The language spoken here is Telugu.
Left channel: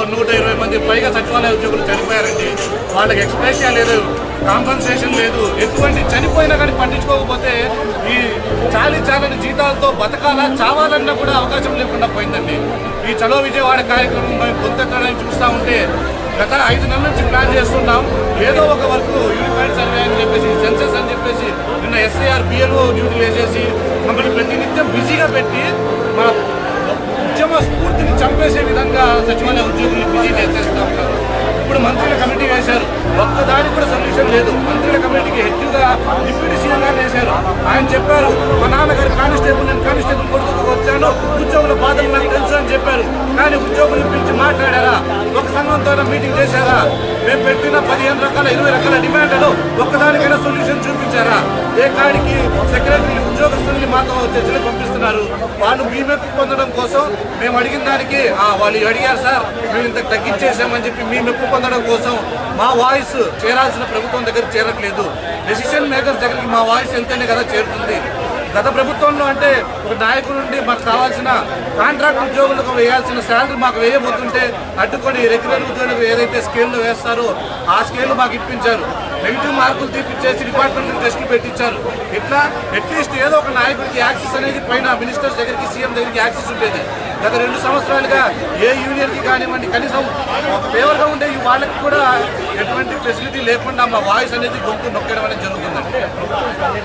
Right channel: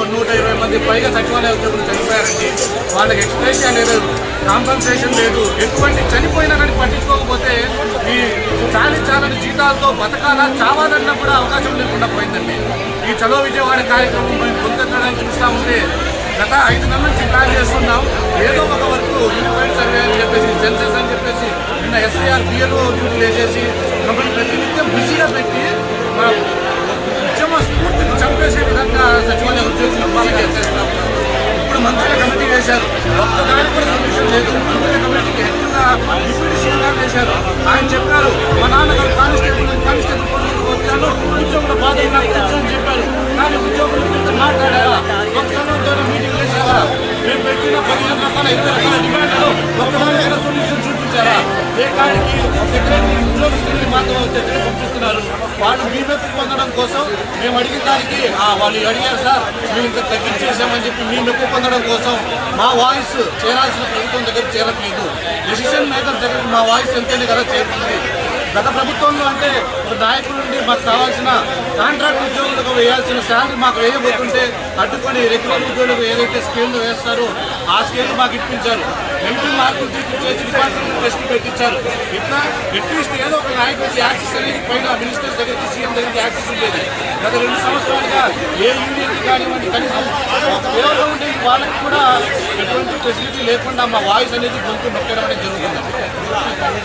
120 మంది పైగా సచివాలయ ఉద్యోగులు చనిపోయారండి. వాళ్ళకి ఎక్స్ప్రెషన్ లేదు, కాంపన్సేషన్ లేదు. ఎటువంటి చనిపోయినా కానీ పట్టించుకోకపోతే ఈ చాలని జీతాలతో బతకాలా చావాలన్నా కూడా అవకాశం లేకుండా పోయిందండి. ఈ చలో విజయవాడ కార్యక్రమం మనం పొందడానికి చూస్తూ ఉంటే గత 5 నెలల నుంచి ప్లాన్ చేస్తున్నాం. ఏదో ఒక వరకు ఇంపాక్ట్ సర్వే అని చెప్పేసి, సెన్సెస్ అని చెప్పేసి, నిన్న ఎస్ఐఆర్ బిఎల్ఓ డ్యూటీ వేసేసి మమ్మల్ని ప్రతినిత్యం బిజీగా పెట్టి మన ఉద్యమ స్ఫూర్తిని చంపేసే విధంగా సచివాలయ ఉద్యోగులు బిజీగా చేస్తూ ఉంటారు. ఇప్పుడు మంత్రుల కమిటీ వేశారు, ఒక్కదానికి కూడా సబ్మిషన్ లేదు. మంత్రుల కమిటీకి హెడ్గా డిప్యూటీ సీఎం గారు వేశారు. ఆయన చెప్పారు, మా నాన్నగారు కానిస్టేబుల్, నేను కానిస్టేబుల్ కొడుకు వచ్చాను, ఉద్యోగుల బాధలు అని చెప్పారు. కానీ ఉద్యోగుల గురించి మాట్లాడారా? ఒక సంఘంతో మీటింగ్ వేసారా? మేము పెట్టిన 15 రకాల 20 రకాల డిమాండ్లు ఒక్కదానికైనా సొల్యూషన్ చూపించారా? వేటానికి సెక్రటరీ ఉద్యోగస్తుల్ని మాతో చర్చలు పంపిస్తున్నారు. వాళ్ళు మీమెత్తి పొందడం కోసం మేము అడిగిన దానికి వాళ్ళు అడిగారు సార్, మేము ఇంత తగ్గించేసామని చెప్పి మీ మెప్పు పొందడం కోసం మా వాయిస్ చేరాల్సిన ప్రభుత్వం దగ్గర చేరట్లేదు. డెసిషన్ మేకర్స్ దగ్గరికి మా వాయిస్ ఎంతైనా కదా చేరుతుంది. గత ప్రభుత్వంలో అంటే ఒక నాయకుల నుండి మాకు కావాల్సిన కాంట్రాక్ట్ ఉద్యోగులకు వేయాల్సిన శాలరీ మాకు వేయబోతుంటే అడ్డుకొని రెగ్యులర్ ఉద్యోగులకు ఏదైతే స్కేల్లో వేస్తారో ఆ స్కేల్ మాకు ఇప్పించారు. 90 మార్కులు తీర్పిచ్చేసి డిపార్ట్మెంట్ టెస్ట్ పెట్టించారు. ఇట్లా అట్లీస్ట్ ఏదో ఒక నాయకుడికి యాక్సెస్ అనేది పైన మినిస్టర్ దగ్గరికి, సీఎం దగ్గరికి యాక్సెస్ ఉండేది. గత 2 సంవత్సరాలుగా ఏ యూనియన్కి కానివ్వండి, కనీసం ఫేవర్గా ఉండే వాళ్ళకి కూడా ఎటువంటి ఫెసిలిటీ లేకుండా మా వాయిస్ అనేది గొంతు నొక్కడం అనేది జరుగుతుంది.